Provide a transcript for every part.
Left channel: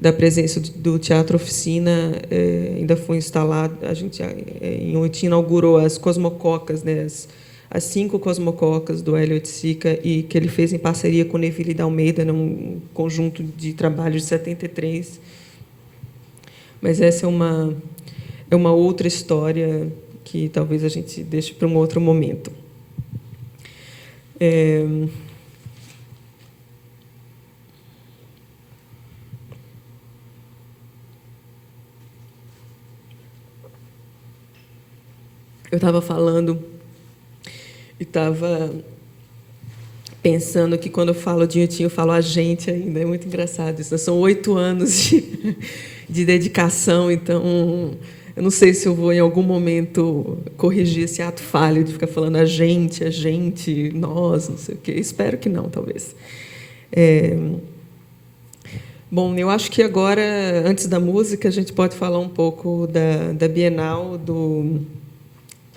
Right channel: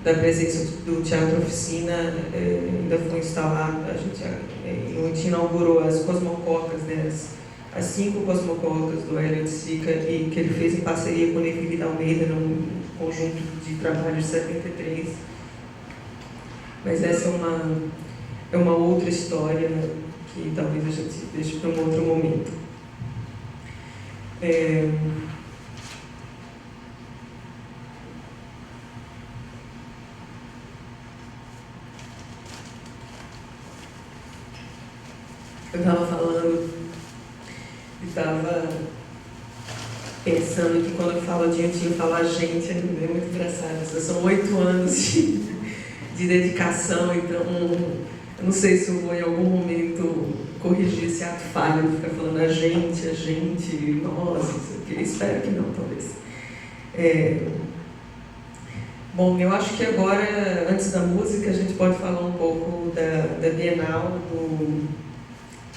da presença do Teatro Oficina, ainda foi instalado, a gente inaugurou as Cosmococas, né, as 5 Cosmococas do Hélio Oiticica, e que ele fez em parceria com Neville de Almeida, num conjunto de trabalhos de 73. Mas essa é uma outra história que talvez a gente deixe para um outro momento. Eu estava falando e estava pensando que quando eu falo de Inhotim, eu falo a gente ainda, é muito engraçado isso. São 8 anos de dedicação, então eu não sei se eu vou em algum momento corrigir esse ato falho de ficar falando a gente, nós, não sei o quê. Espero que não, talvez. Bom, eu acho que agora, antes da música, a gente pode falar um pouco da Bienal,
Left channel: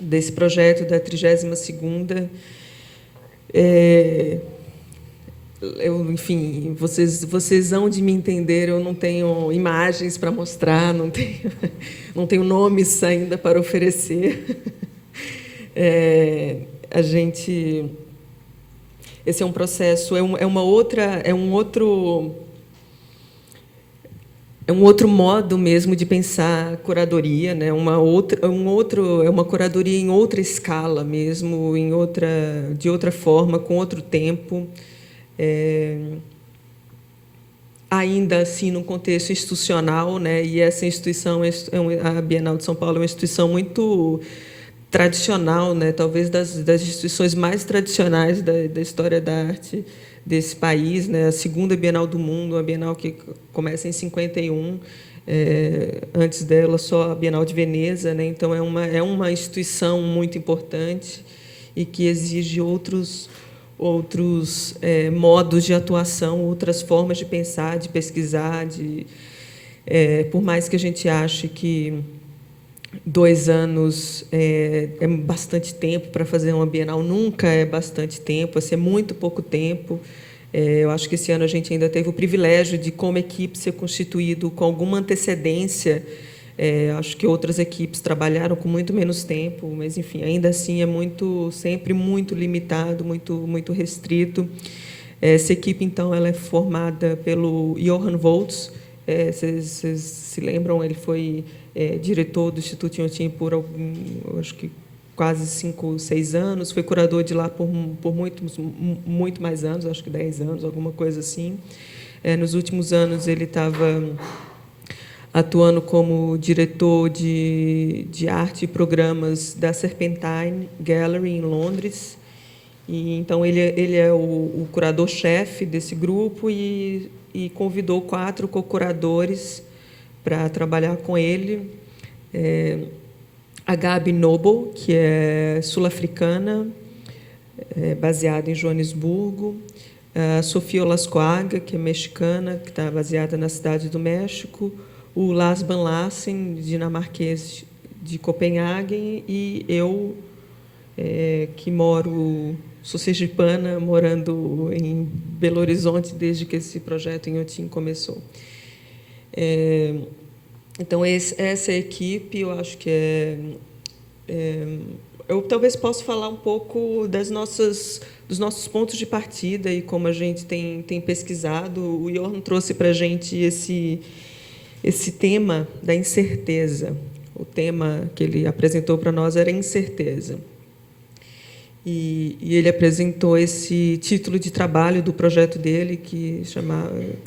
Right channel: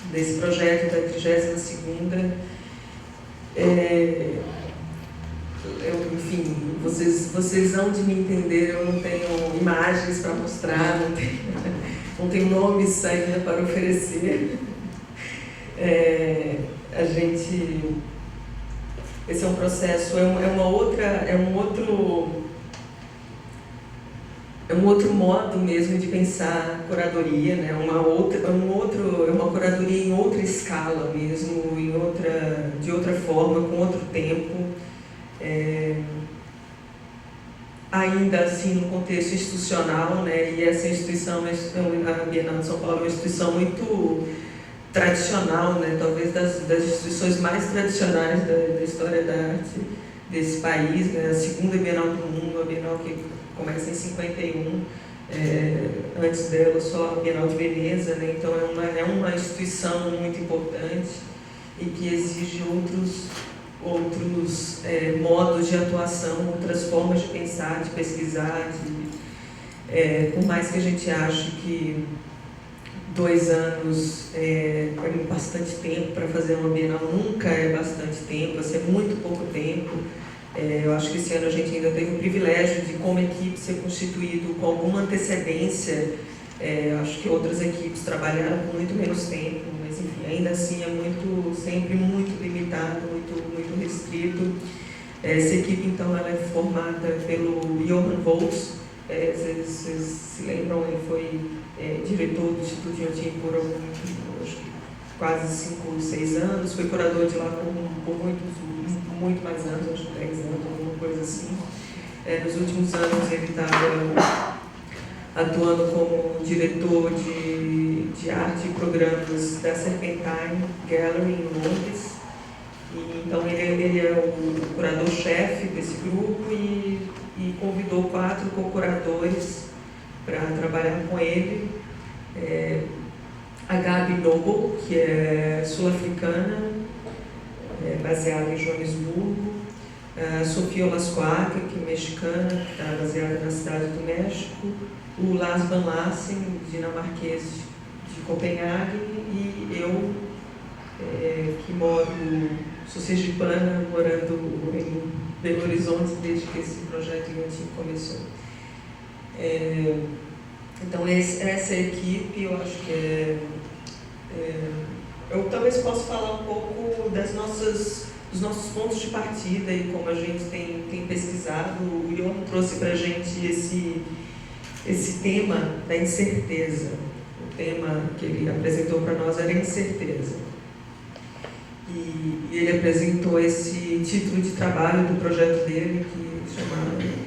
desse projeto da 32ª. Enfim, vocês hão de me entender, eu não tenho imagens para mostrar, não tenho nomes ainda para oferecer. Esse é um processo, é um outro modo mesmo de pensar a curadoria, né? É uma curadoria em outra escala mesmo, de outra forma, com outro tempo. Ainda assim no contexto institucional, né? E essa instituição, a Bienal de São Paulo, é uma instituição muito tradicional, né? Talvez das instituições mais tradicionais da história da arte desse país, né? A segunda Bienal do mundo, a Bienal que começa em 51, antes dela só a Bienal de Veneza, né? Então é uma instituição muito importante e que exige outros modos de atuação, outras formas de pensar, de pesquisar, por mais que a gente ache que 2 anos é bastante tempo para fazer uma Bienal, nunca é bastante tempo, assim, é muito pouco tempo. Eu acho que esse ano a gente ainda teve o privilégio de, como equipe, ser constituído com alguma antecedência. Acho que outras equipes trabalharam com muito menos tempo, mas enfim, ainda assim é sempre muito limitado, muito restrito. Essa equipe, então, ela é formada pelo Johann Volz. Vocês se lembram, ele foi diretor do Instituto Inhotim por acho que quase 5, 6 anos, foi curador de lá por muito mais anos, acho que 10 anos, alguma coisa assim. Nos últimos anos ele estava atuando como diretor de arte e programas da Serpentine Gallery em Londres. E então ele é o curador-chefe desse grupo e convidou 4 co-curadores para trabalhar com ele. A Gabi Noble, que é sul-africana, baseada em Joanesburgo. A Sofia Olascoaga, que é mexicana, que está baseada na cidade do México. O Lars Van Lassen, dinamarquês de Copenhague. E eu, que sou sergipana, morando em Belo Horizonte desde que esse projeto em Inhotim começou. Então, essa equipe, eu acho que eu talvez possa falar um pouco dos nossos pontos de partida e como a gente tem pesquisado. O Johann trouxe para a gente esse tema da incerteza. O tema que ele apresentou para nós era incerteza. E ele apresentou esse título de trabalho do projeto dele, que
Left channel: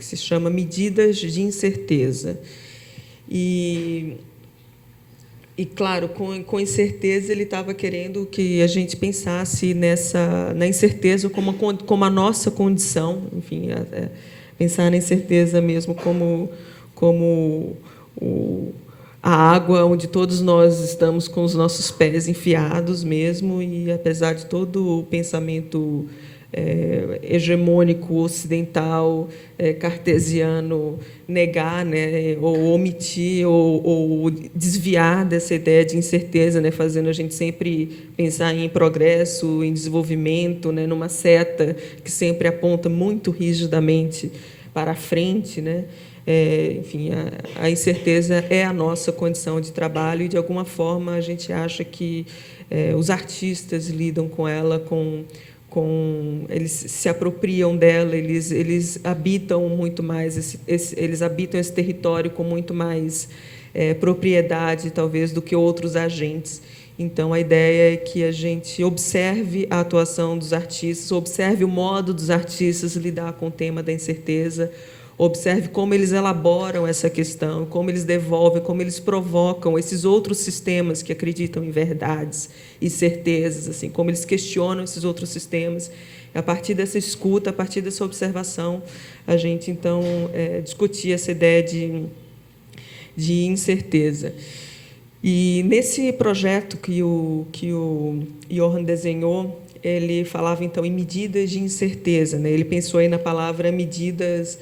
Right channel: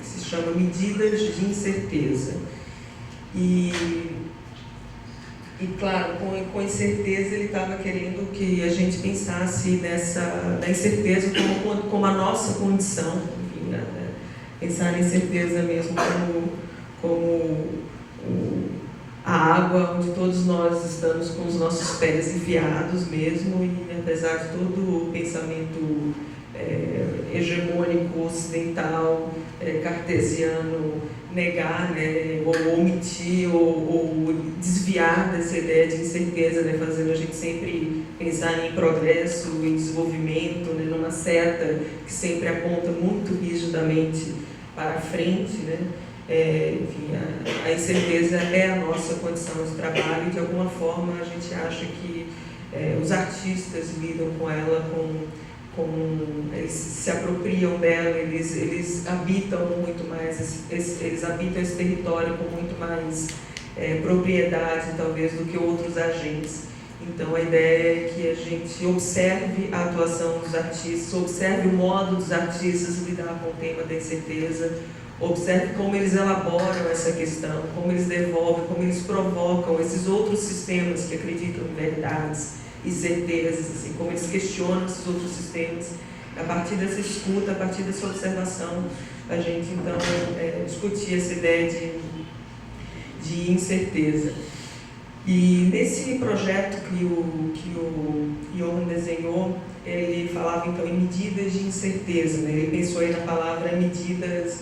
se chama Medidas de Incerteza. E claro, com incerteza, ele estava querendo que a gente pensasse na incerteza como a nossa condição, enfim, pensar na incerteza mesmo como a água onde todos nós estamos com os nossos pés enfiados mesmo, e apesar de todo o pensamento hegemônico ocidental, cartesiano, negar, né, ou omitir ou desviar dessa ideia de incerteza, né, fazendo a gente sempre pensar em progresso, em desenvolvimento, né, numa seta que sempre aponta muito rigidamente para a frente, né. enfim, a incerteza é a nossa condição de trabalho e, de alguma forma, a gente acha que os artistas lidam com ela, eles se apropriam dela, eles habitam muito mais, eles habitam esse território com muito mais propriedade, talvez, do que outros agentes. Então, a ideia é que a gente observe a atuação dos artistas, observe o modo dos artistas lidar com o tema da incerteza, observe como eles elaboram essa questão, como eles devolvem, como eles provocam esses outros sistemas que acreditam em verdades e certezas, assim, como eles questionam esses outros sistemas. A partir dessa escuta, a partir dessa observação, a gente, então, discutia essa ideia de incerteza. E nesse projeto que o Johan desenhou, ele falava, então, em medidas de incerteza, né? Ele pensou aí na palavra medidas,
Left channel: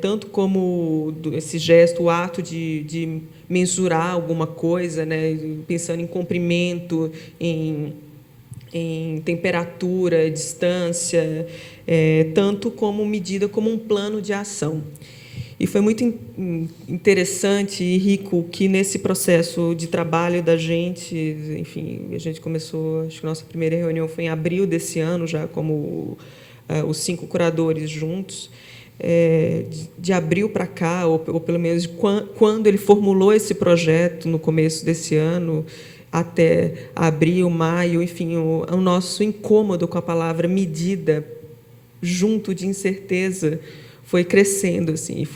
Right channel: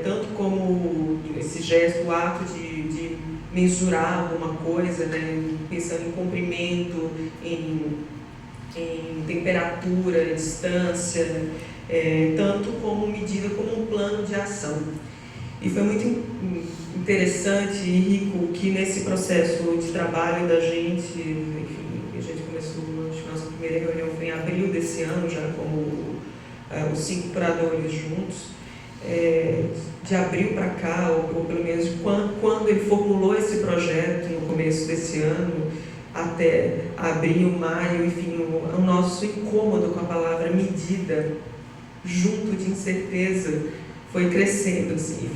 tanto como esse gesto, o ato de mensurar alguma coisa, né? Pensando em comprimento, em temperatura, distância, tanto como medida, como um plano de ação. E foi muito interessante e rico que nesse processo de trabalho da gente, enfim, a gente começou, acho que a nossa primeira reunião foi em abril desse ano, já como os 5 curadores juntos, de abril para cá, ou pelo menos quando ele formulou esse projeto no começo desse ano, até abril, maio, enfim, o nosso incômodo com a palavra medida, junto de incerteza, foi crescendo, assim,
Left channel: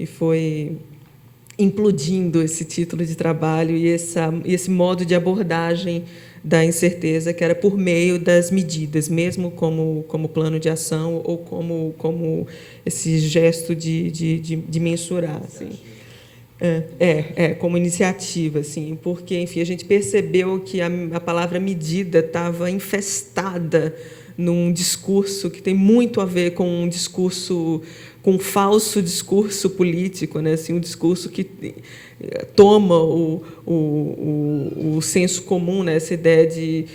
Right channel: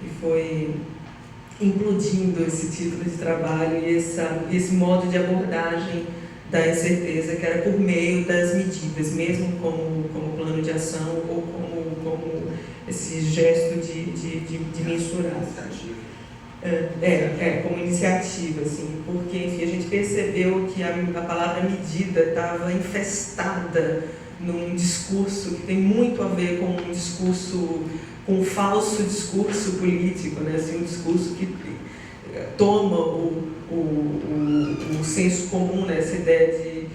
e foi implodindo esse título de trabalho e esse modo de abordagem da incerteza, que era por meio das medidas, mesmo como plano de ação ou como esse gesto de mensurar. Assim. Como iniciativa, assim, porque, enfim, a gente percebeu que a palavra medida estava infestada num discurso que tem muito a ver com um discurso, com um falso discurso político, né? Assim, um discurso que toma o senso comum, né? Essa ideia de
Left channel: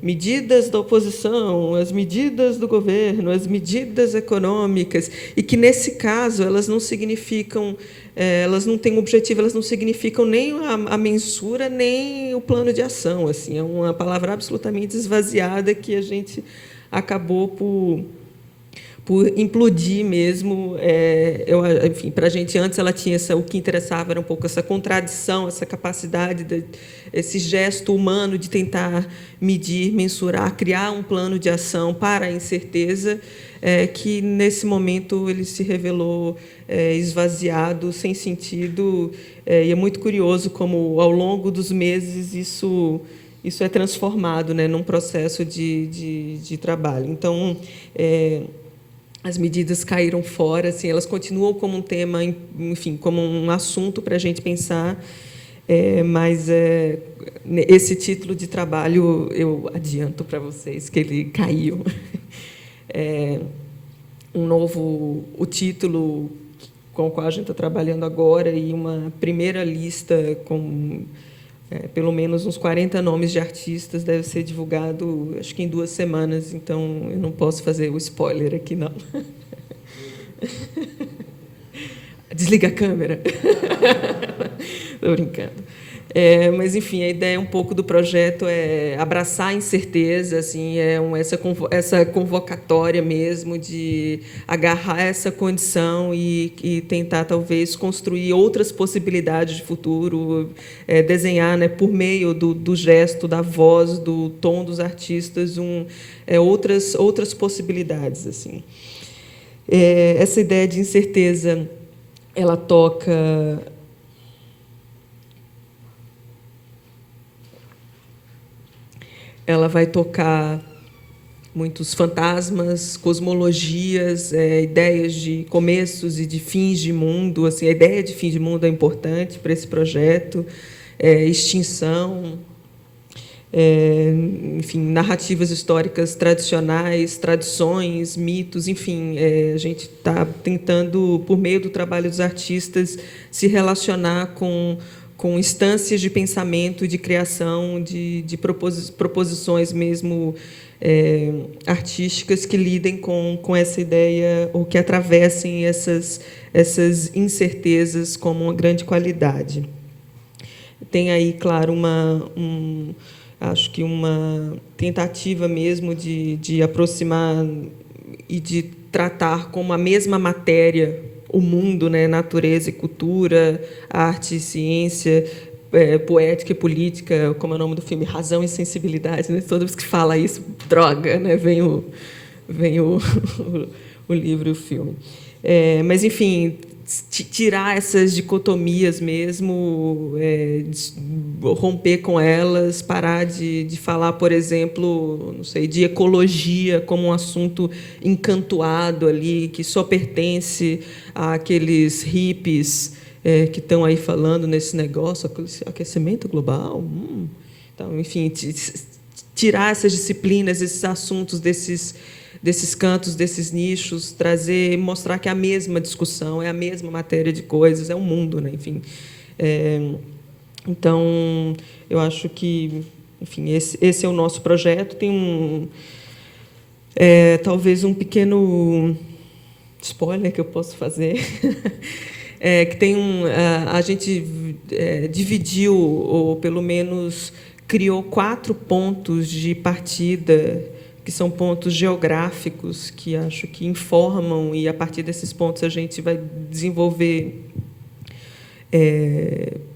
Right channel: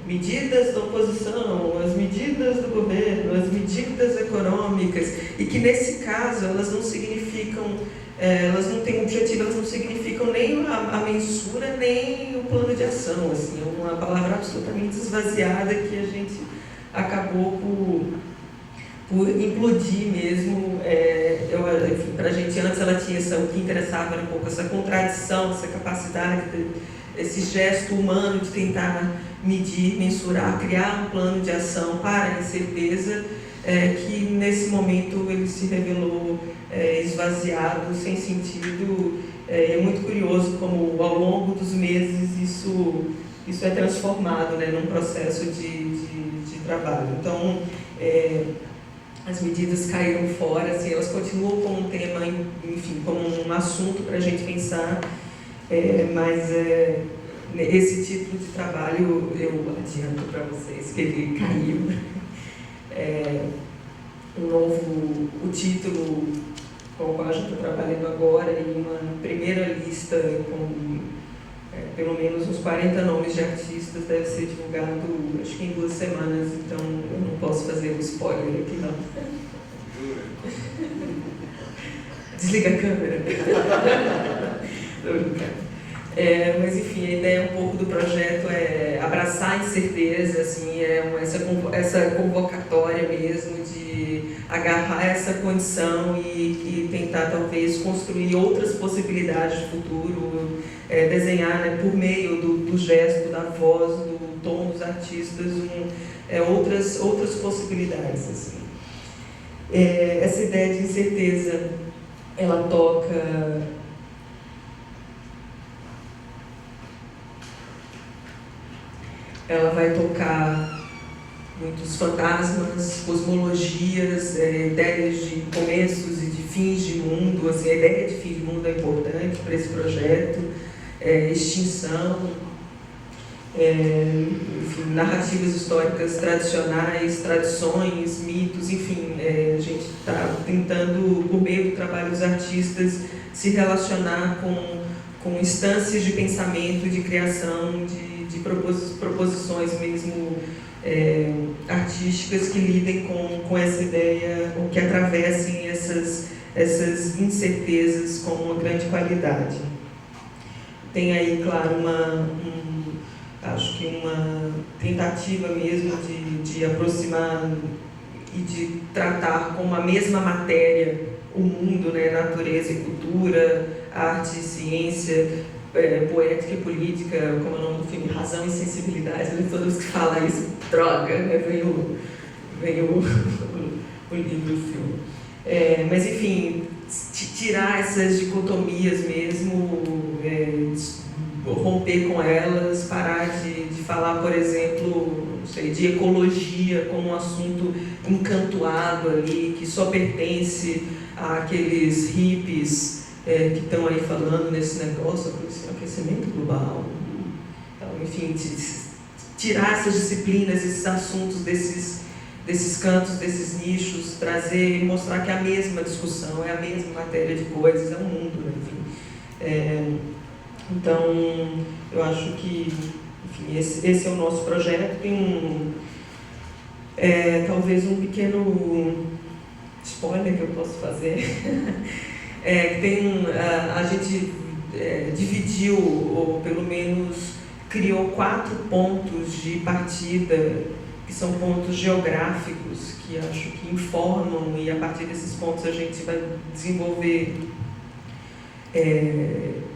medidas da oposição, as medidas do governo, as medidas econômicas, e que, nesse caso, elas não significam, elas não têm objetivo, elas não significam nem a mensura, nem o plano de ação. Assim, é uma palavra absolutamente esvaziada que a gente acabou por implodir mesmo. Enfim, para a gente antes ela tinha o que interessava era um pouco essa contradição, essa capacidade, esse gesto humano de tentar medir, mensurar, criar um plano de ação para a incerteza, que nesse momento ele se revelou esvaziado, sem sentido, e é muito curioso como ao longo dos meses isso é transformado, né, num processo de trabalho. Então, as medidas caíram fora, assim, elas continuam como um tema, enfim, como um assunto para a gente pensar, mas esse título de trabalho eu adianto para vocês que ele caiu. O título com o qual a gente está trabalhando agora e uma primeira lista com pelo menos uns 40 nomes de artistas deve ser divulgado, acho que em 2 semanas, então eu não posso fazer o spoiler aqui, não. Desliga a câmera. Estou brincando. Mas, enfim, a ideia um pouco do projeto é abraçar a incerteza, assim, essa convocatória mesmo de agarrar essa condição e tentar, talvez, construir outras possibilidades de futuro, desenhar, né, por meio do gesto, da voz, do tom dos artistas, outras possibilidades. Assim. Essa ideia de incerteza, ela toca... Ela vai tocar muitos fantasmas, cosmologias, ideias de começos e de fins de mundo. Assim, a ideia de fim de mundo é importante para esse projeto. Extinção, enfim, narrativas históricas tradicionais, tradições, mitos, enfim. A gente está tentando, por meio do trabalho dos artistas, se relacionar com instâncias de pensamento, de criação, de proposições mesmo artísticas que lidem com essa ideia, ou que atravessem essas incertezas como uma grande qualidade. Tem aí, claro, acho que uma tentativa mesmo de aproximar e de tratar como a mesma matéria o mundo, né, natureza e cultura, arte e ciência, poética e política, como é o nome do filme, Razão e Sensibilidade, né? Toda vez que fala isso, droga, né? Vem o livro e o filme. Mas, enfim, tirar essas dicotomias mesmo, romper com elas, parar de falar, por exemplo, não sei, de ecologia como um assunto encantoado ali, que só pertence àqueles hippies que estão aí falando nesse negócio, aquecimento global. Então, enfim, tirar essas disciplinas, esses assuntos desses cantos, desses nichos, trazer, mostrar que é a mesma discussão, é a mesma matéria de coisas, é um mundo, né? Enfim. Então, eu acho que, enfim, esse é o nosso projeto. Tem talvez um pequeno spoiler que eu posso fazer, que tem a gente dividiu, ou pelo menos criou 4 pontos de partida, que são pontos geográficos, que acho que informam, e a partir desses pontos a gente vai desenvolver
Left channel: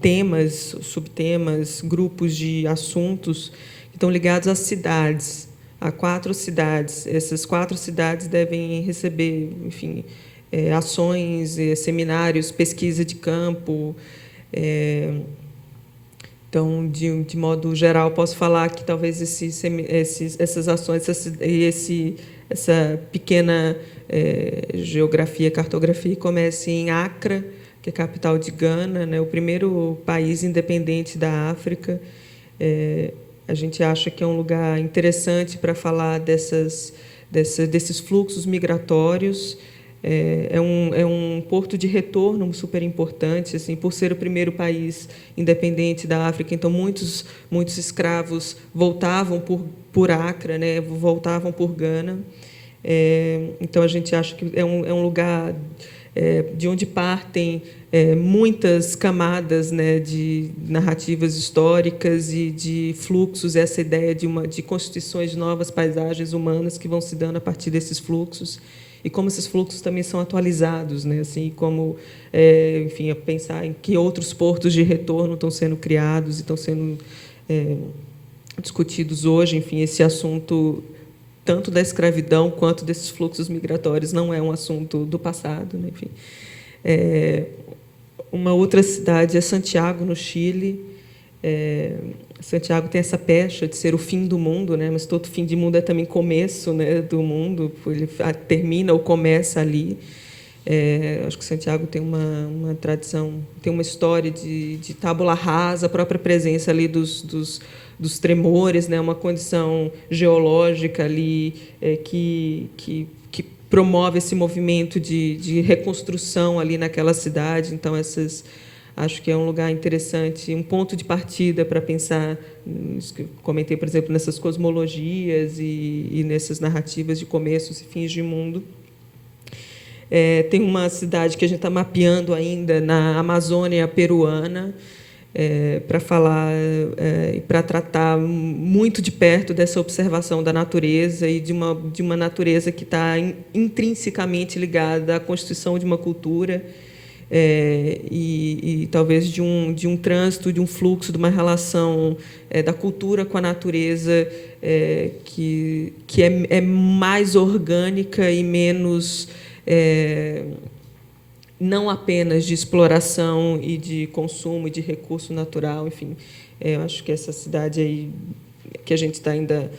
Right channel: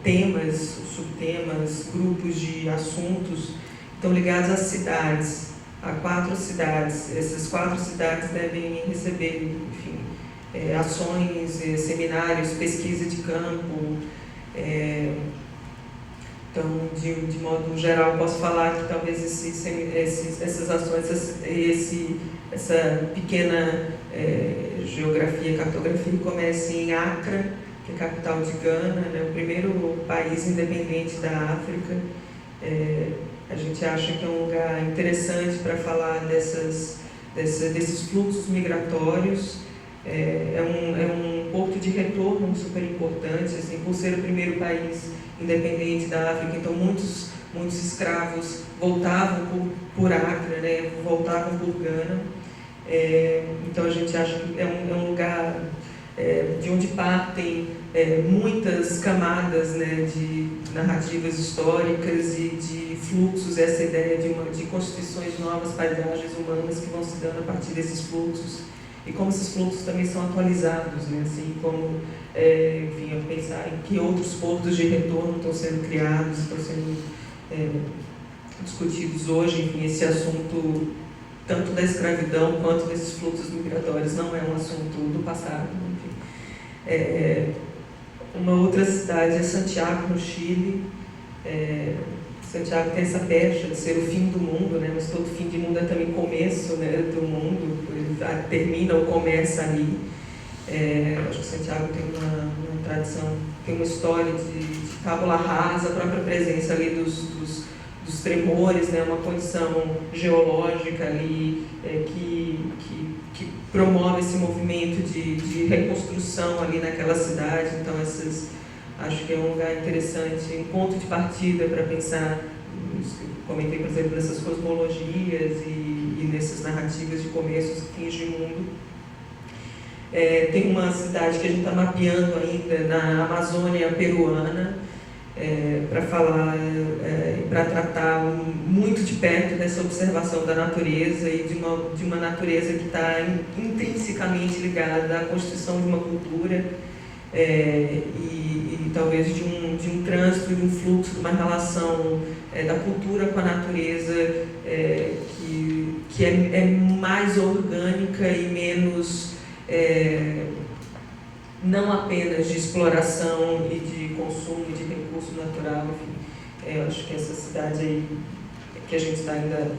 temas, subtemas, grupos de assuntos que estão ligados às cidades, a 4 cidades. Essas 4 cidades devem receber, enfim, ações, seminários, pesquisa de campo. Então, de modo geral, posso falar que talvez essas ações, essa pequena geografia, cartografia, comece em Accra, que é a capital de Gana, né, o primeiro país independente da África. A gente acha que é um lugar interessante para falar desses fluxos migratórios. É um porto de retorno super importante, assim, por ser o primeiro país independente da África. Então, muitos escravos voltavam por Accra, né, voltavam por Gana. Então, a gente acha que é um lugar de onde partem muitas camadas, né, de narrativas históricas e de fluxos, essa ideia de constituições de novas paisagens humanas que vão se dando a partir desses fluxos, e como esses fluxos também são atualizados, né, assim, como, enfim, a pensar em que outros portos de retorno estão sendo criados e estão sendo discutidos hoje. Enfim, esse assunto tanto da escravidão quanto desses fluxos migratórios não é um assunto do passado. Enfim. Uma outra cidade é Santiago, no Chile. Santiago tem essa pecha de ser o fim do mundo, né? Mas todo fim de mundo é também começo, né, do mundo, ele termina ou começa ali. Acho que Santiago tem uma tradição, tem uma história de tábula rasa, a própria presença ali dos tremores, né, uma condição geológica ali que promove esse movimento de reconstrução ali naquela cidade. Então, acho que é um lugar interessante, um ponto de partida para pensar, comentei, por exemplo, nessas cosmologias e nessas narrativas de começos e fins de mundo. Tem uma cidade que a gente está mapeando ainda na Amazônia peruana, para falar, para tratar muito de perto dessa observação da natureza e de uma natureza que está intrinsecamente ligada à constituição de uma cultura, e talvez de um trânsito, de um fluxo, de uma relação da cultura com a natureza que é mais orgânica e menos não apenas de exploração e de consumo e de recurso natural. Enfim, eu acho que essa cidade aí que a gente está ainda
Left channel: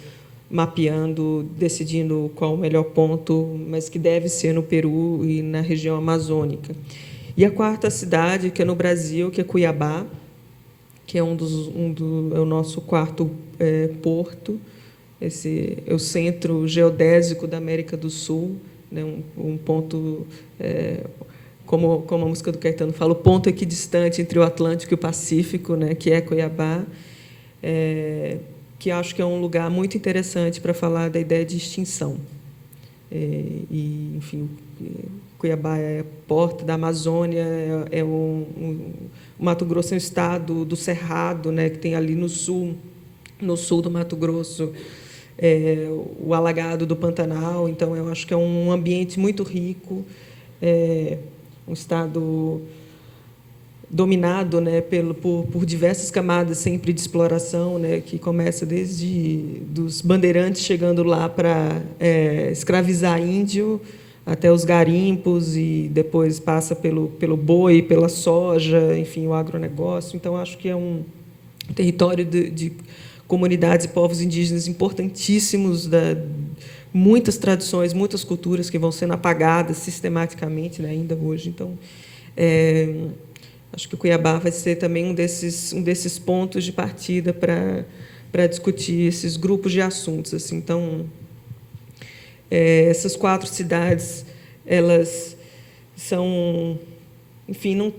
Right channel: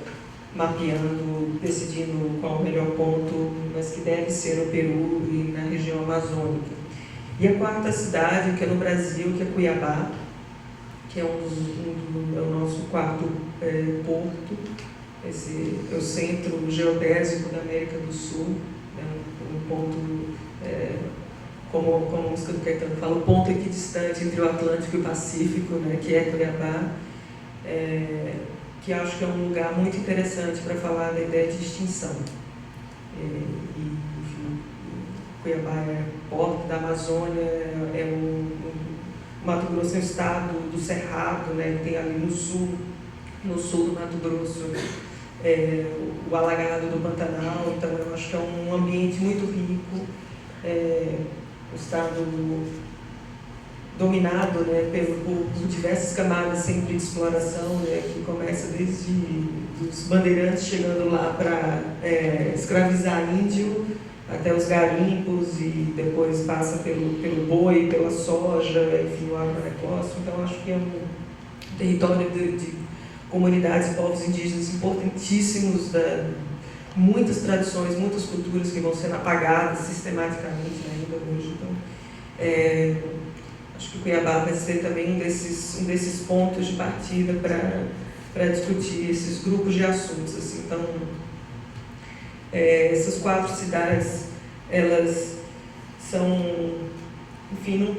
mapeando, decidindo qual o melhor ponto, mas que deve ser no Peru e na região amazônica. E a 4ª cidade, que é no Brasil, que é Cuiabá, que é é o nosso 4º porto. Esse é o centro geodésico da América do Sul, né, um ponto, como a música do Caetano fala, o ponto equidistante entre o Atlântico e o Pacífico, né, que é Cuiabá, que acho que é um lugar muito interessante para falar da ideia de extinção. Enfim, Cuiabá é porta da Amazônia, Mato Grosso é um estado do Cerrado, né, que tem ali no sul do Mato Grosso, o alagado do Pantanal. Então eu acho que é um ambiente muito rico, um estado dominado, né, por diversas camadas sempre de exploração, né, que começa desde dos bandeirantes chegando lá para escravizar índio, até os garimpos, e depois passa pelo boi, pela soja, enfim, o agronegócio. Então acho que é um território de comunidades e povos indígenas importantíssimos, muitas tradições, muitas culturas que vão sendo apagadas sistematicamente, né, ainda hoje. Então acho que o Cuiabá vai ser também um desses pontos de partida para discutir esses grupos de assuntos, assim. Então essas 4 cidades, elas são, enfim,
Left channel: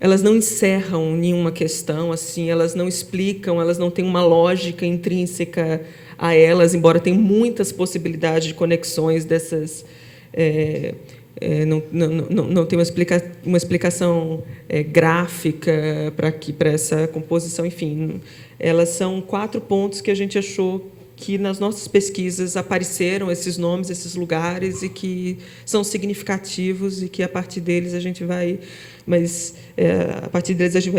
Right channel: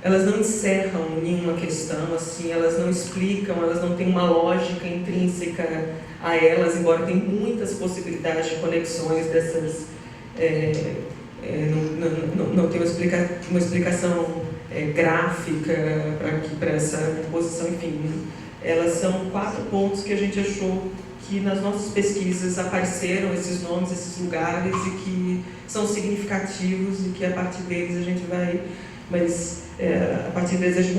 elas não encerram nenhuma questão, assim, elas não explicam, elas não têm uma lógica intrínseca a elas, embora tenham muitas possibilidades de conexões dessas. Não tem uma explicação gráfica para essa composição, enfim. Elas são 4 pontos que a gente achou que nas nossas pesquisas apareceram esses nomes, esses lugares, e que são significativos, e que a partir deles a gente vai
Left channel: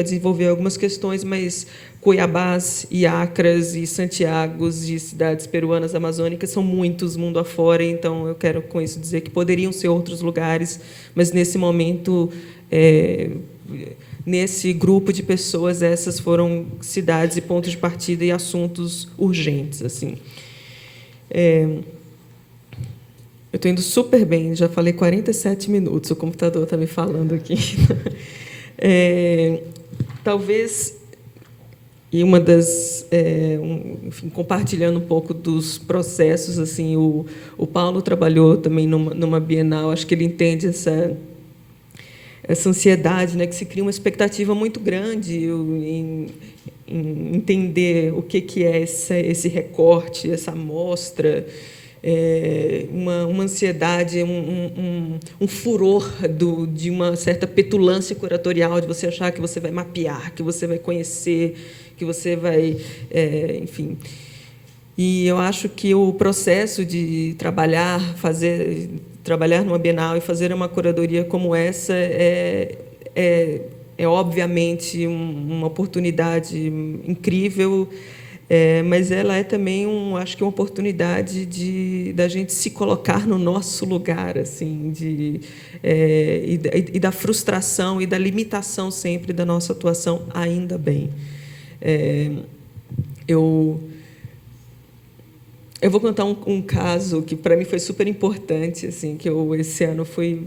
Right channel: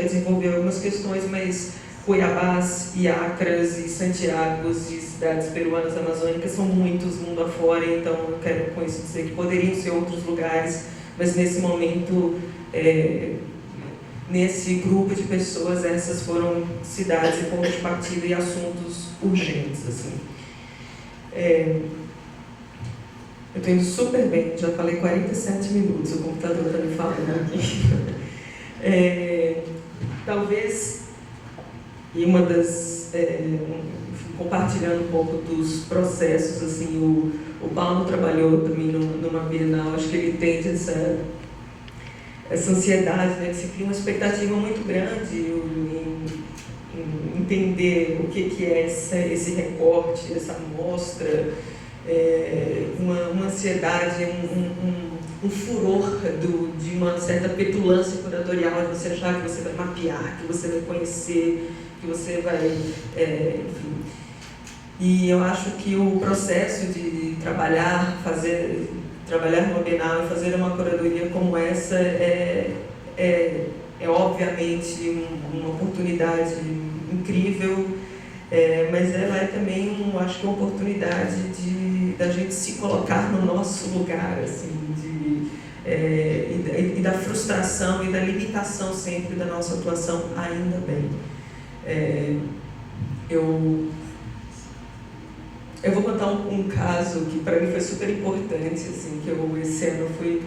desenvolver algumas questões, mas Cuiabás e Acras e Santiagos de cidades peruanas amazônicas são muitos mundo afora, então eu quero com isso dizer que poderiam ser outros lugares, mas nesse momento, nesse grupo de pessoas, essas foram cidades e pontos de partida e assuntos urgentes, assim. Eu estou indo super bem, já falei 47 minutos, o computador está me falando aqui. Talvez, e uma das, enfim, compartilhando um pouco dos processos, assim, o Paulo trabalhou também numa Bienal, acho que ele entende essa ansiedade, né, que se cria uma expectativa muito grande em entender o que é esse recorte, essa amostra, uma ansiedade, um furor de uma certa petulância curatorial, de você achar que você vai mapear, que você vai conhecer, que você vai, enfim. E eu acho que o processo de trabalhar numa Bienal e fazer uma curadoria como essa é obviamente uma oportunidade incrível, mas ela é também acho que uma oportunidade da gente se colocar no nosso lugar, assim, e da frustração e da limitação sempre da nossa atuação, ainda bem. Eu vou contar um caso que para mim foi super importante, assim, que eu esse ano fui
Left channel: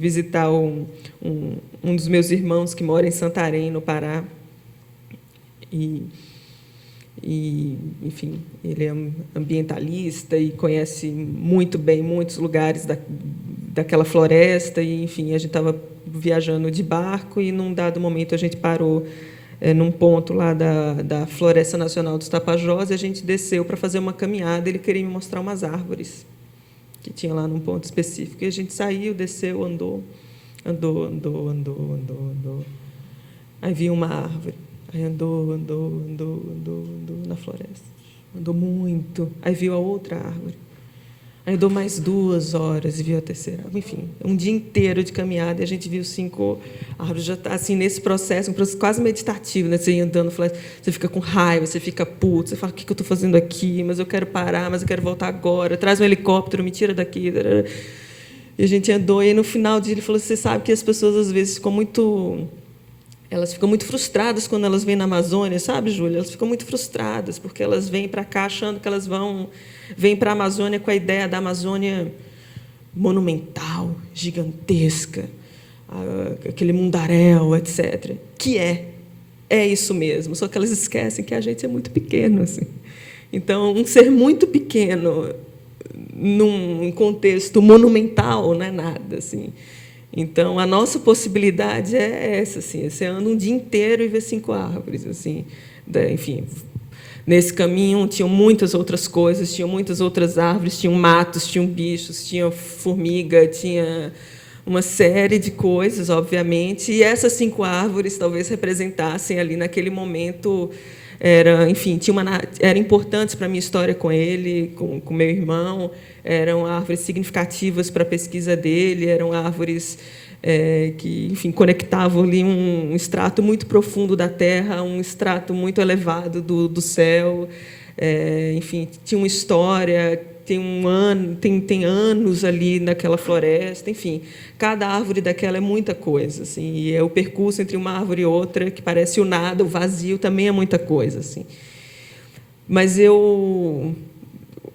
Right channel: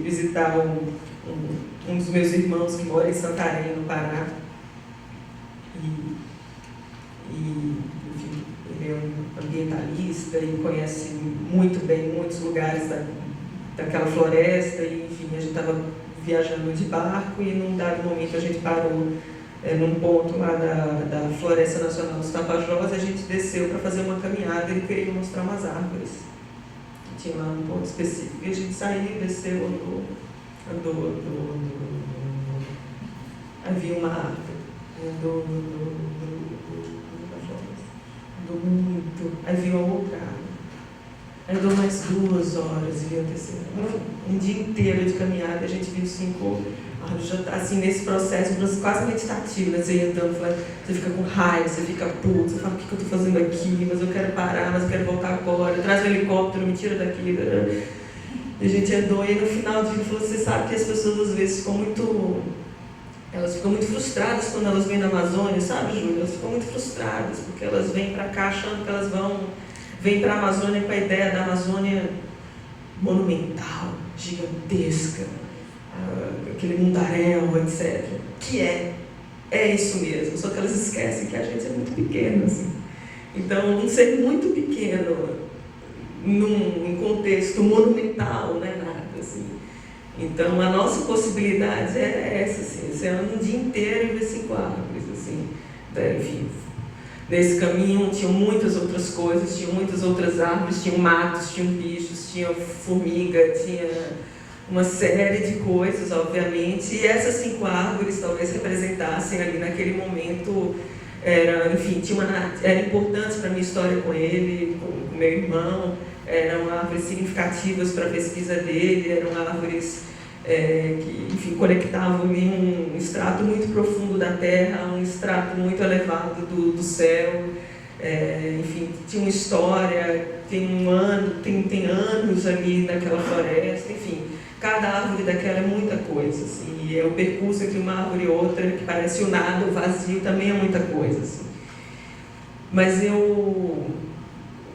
visitar um dos meus irmãos que mora em Santarém, no Pará, e enfim, ele é um ambientalista e conhece muito bem muitos lugares daquela floresta, e enfim, a gente estava viajando de barco e num dado momento a gente parou num ponto lá da Floresta Nacional dos Tapajós, e a gente desceu para fazer uma caminhada, e ele queria me mostrar umas árvores que tinha lá num ponto específico, e a gente saiu, desceu, andou, aí vi uma árvore, aí andou na floresta, andou muito, aí viu a outra árvore, aí andou mais 2 horas e viu a terceira, enfim, um dia inteiro de caminhada, e a gente viu 5 árvores, já tá, assim, nesse processo, um processo quase meditativo, né? Você andando, você fica com raiva, você fica puto, você fala, o que eu estou fazendo aqui, mas eu quero parar, mas eu quero voltar agora, traz um helicóptero, me tira daqui, e a gente andou, e no final do dia ele falou, você sabe que as pessoas às vezes ficam muito frustradas quando elas vêm na Amazônia, sabe, Júlia? Elas ficam muito frustradas, porque elas vêm para cá achando que elas vêm para a Amazônia com a ideia da Amazônia monumental, gigantesca, aquele mundaréu, etc. Que é isso mesmo, só que elas esquecem que a gente é muito pequeno, assim. Então, um ser muito pequeno num contexto monumental não é nada, assim. Então, a nossa possibilidade é essa, assim, você anda um dia inteiro e vê 5 árvores, assim, enfim, nesse caminho tinham muitas outras coisas, tinham muitas outras árvores, tinham matos, tinham bichos, tinha formiga, tinha uma série de coisas, obviamente, e essas 5 árvores talvez representassem ali naquele momento, enfim, eram importantes para a minha história com ele, com meu irmão, eram árvores significativas para a pesquisa dele, eram árvores que, enfim, conectavam ali um extrato muito profundo da terra, um extrato muito elevado do céu, enfim, tinha uma história, tem anos ali naquela floresta, enfim, cada árvore daquela é muita coisa, assim, e o percurso entre uma árvore e outra, que parece o nada, o vazio, também é muita coisa, assim. Mas eu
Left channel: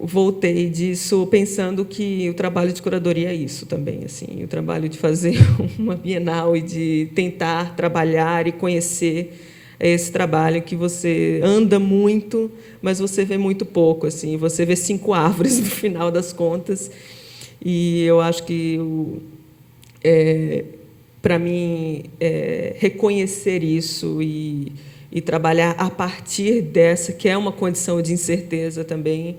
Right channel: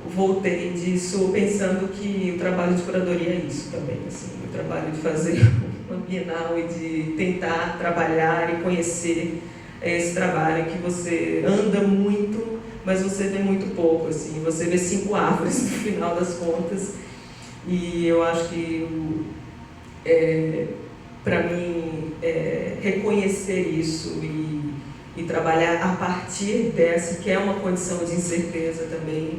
voltei disso pensando que o trabalho de curadoria é isso também, assim, o trabalho de fazer uma Bienal e de tentar trabalhar e conhecer esse trabalho que você anda muito, mas você vê muito pouco, assim, você vê 5 árvores no final das contas, e eu acho que para mim reconhecer isso e trabalhar a partir dessa, que é uma condição de incerteza também,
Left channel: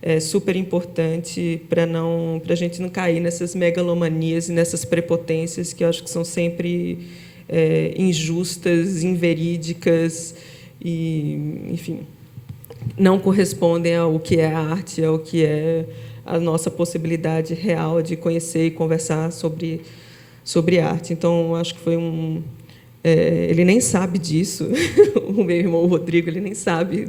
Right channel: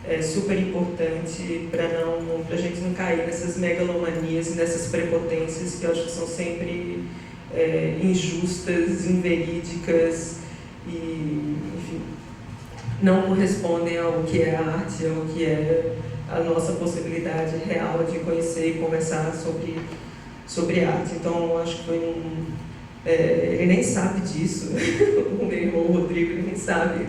é super importante para a gente não cair nessas megalomanias, nessas prepotências que eu acho que são sempre injustas, inverídicas e, enfim, não correspondem ao que é a arte, ao que é a nossa possibilidade real de conhecer e conversar sobre arte. Então, eu acho que foi ele nem sabe disso, o meu irmão Rodrigo, ele nem sabe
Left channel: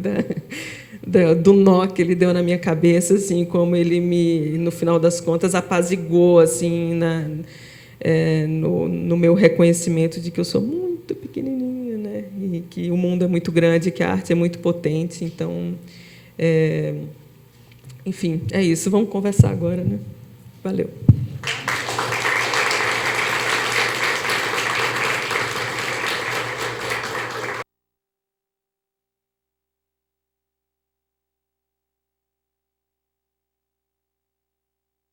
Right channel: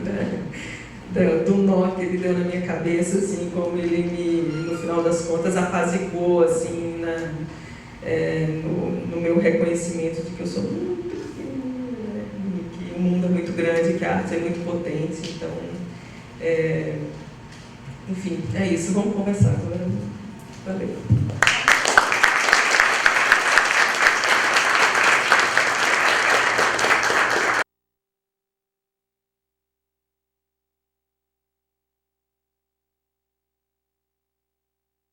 do nó que ele deu na minha cabeça, assim, como ele no final das contas, apaziguou, assim, no meu reconhecimento de que eu sou muito pequenininha, né? E que o mundo é muito grande, que a arte é muito potente. Então, enfim, é isso. Vamos conversar agora, né? Valeu.